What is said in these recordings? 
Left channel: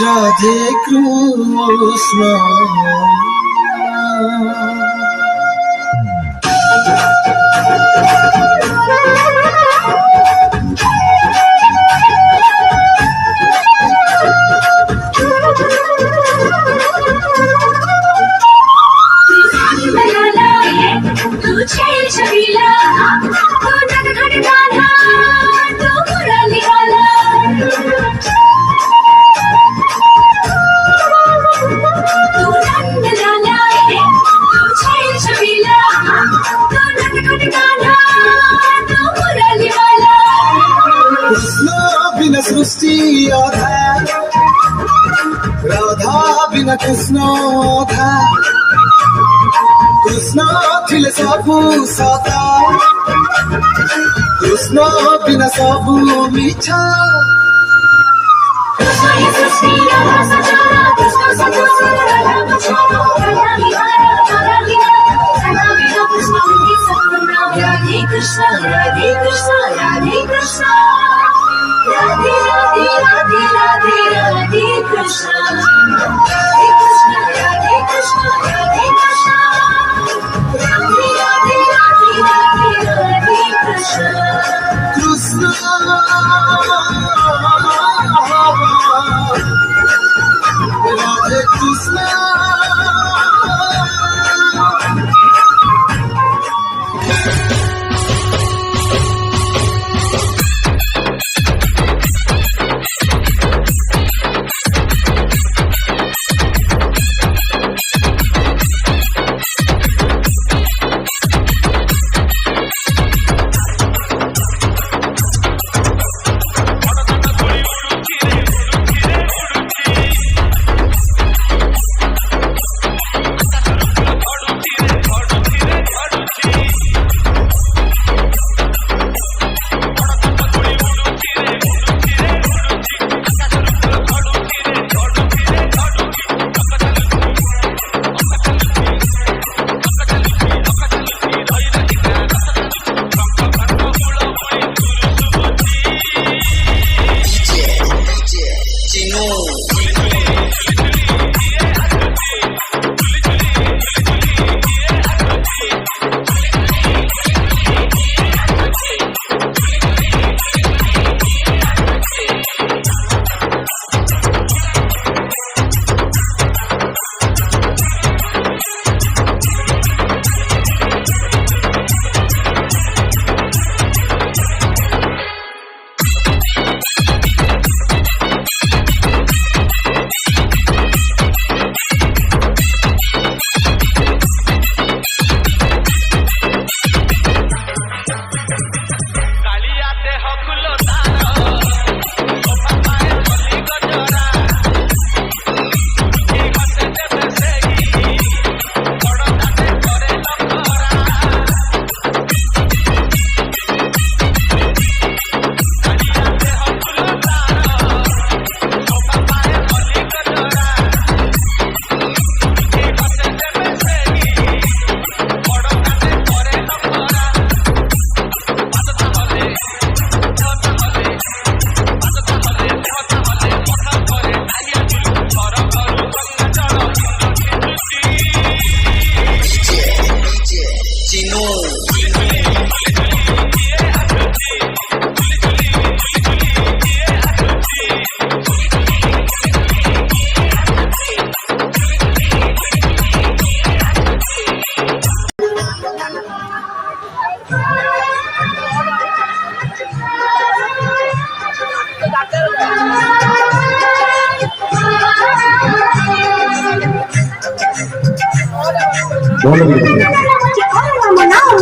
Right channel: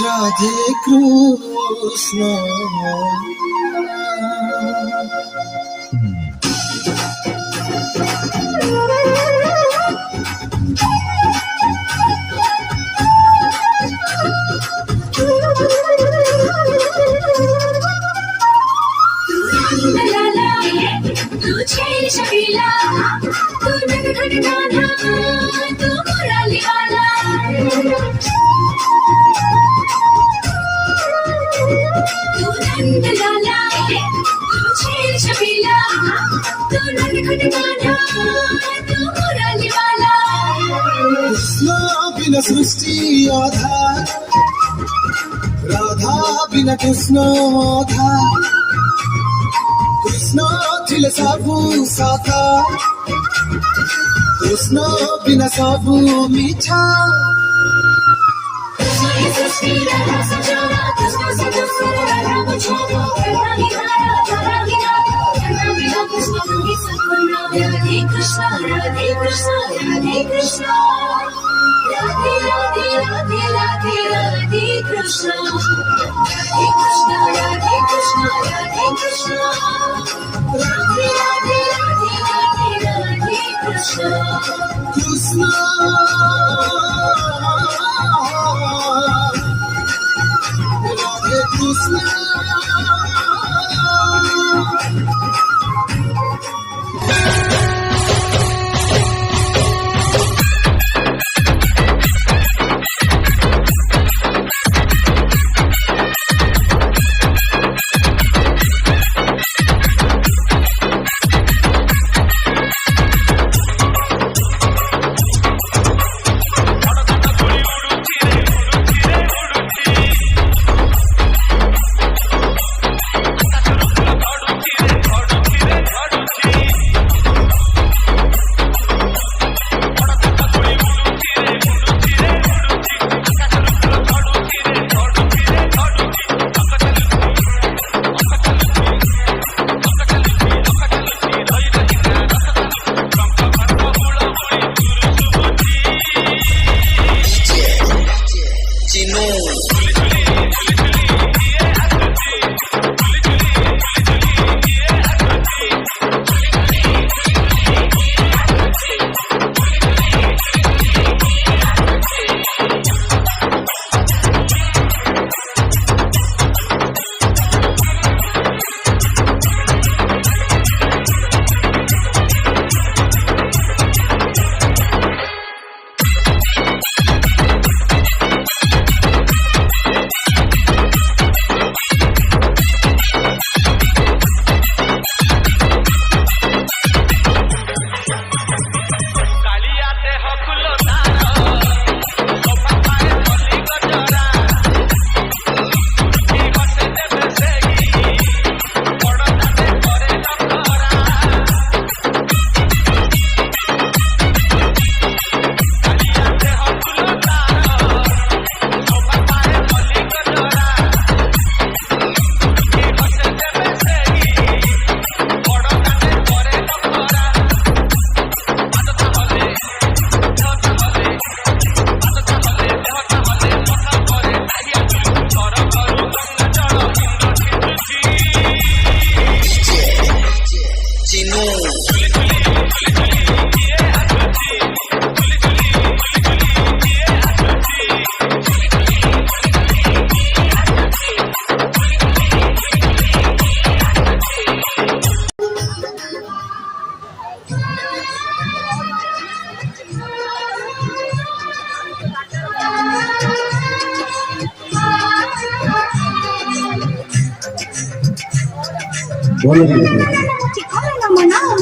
রাধে কৃষ্ণ। बिना सृष्टि अधार, राधा बिना कृष्ण अधार। कृष्ण थिले सबु सता, कृष्ण बिना सबु मिठा। Krishna, Radhe Krishna, Radhe Krishna, Radhe Radhe Radhe Radhe Radhe Krishna, Radhe Krishna, Radhe Krishna, Radhe Krishna, Radhe Radhe Radhe Radhe Radhe Krishna, Krishna Radhe Krishna।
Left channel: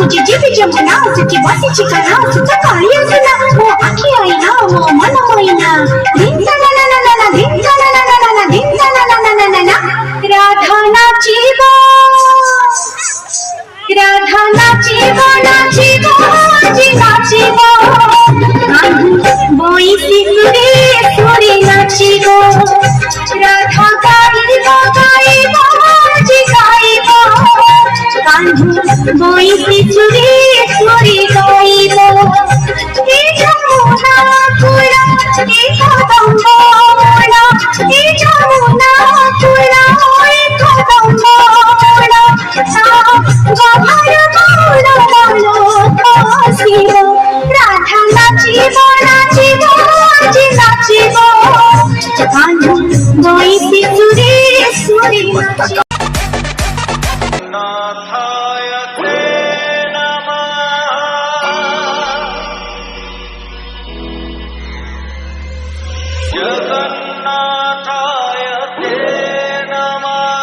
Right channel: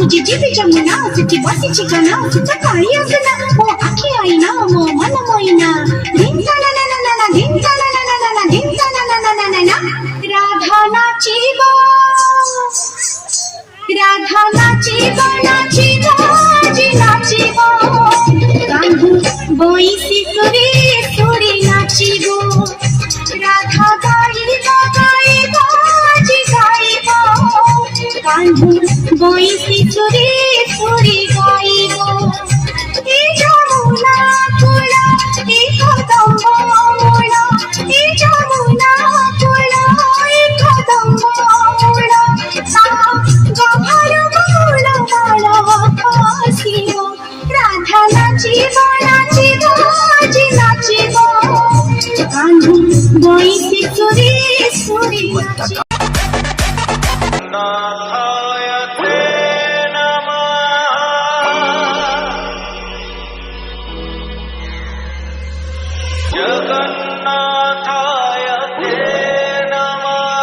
मुझे जीव जमुना सची बसी चिकना सुचा कालिया सना वो आखी आईना वो मन होईना दिन ता ना ना ना ना दिन ता ना ना ना ना दिन ता ना ना ना ना ना राधा नाचिबो नाचिबो जी नाचिबो कान्हू बोई सिंगरी सुरी नाचिबो राधा गाइबो गाइबो जी गाइबो कान्हू बोई सिंगरी सुरी गाइबो নাচিব নাচিব আজি নাচিব কানু গাইছে সুরে সুরে নাচিব নাথায়তে নমঃ জগন্নাথায়তে নমঃ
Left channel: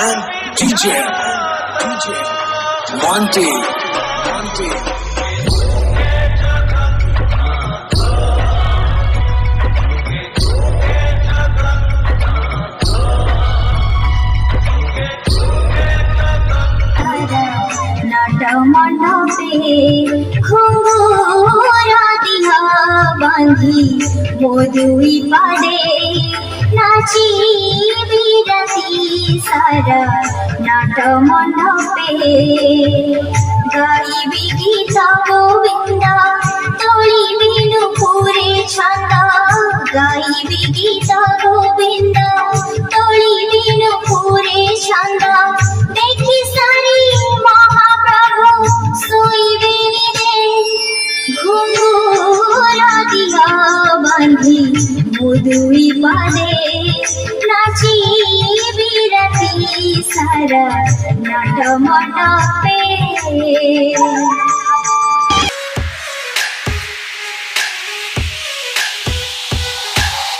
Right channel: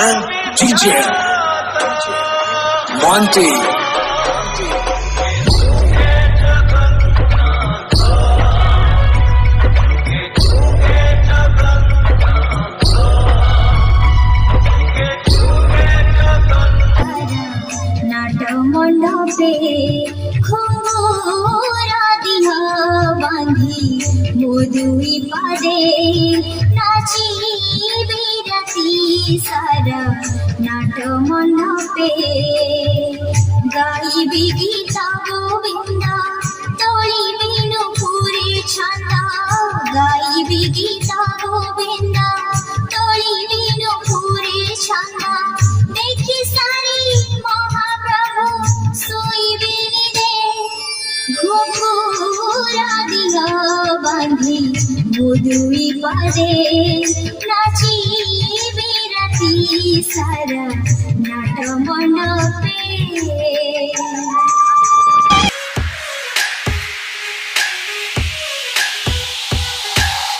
And DJ Monty. নাট মণ্ডপে ঘুমরা দিহা বাঁধি মধুই পাড়ে নাচিবি রাতি সারা নাট মণ্ডপে গাইবি গীত গোবিন্দ তোড়িবি নুপুরে ছন্দ গাইবি গীত গোবিন্দ তোড়িবি নুপুরে ছন্দ দেখি সারি মহাপ্রভু শুইবিনি রে ঘুঙ্গুরা দিহা বাঁধি মধুই পাড়ে নাচিবি রাতি সারা নাট মণ্ডপে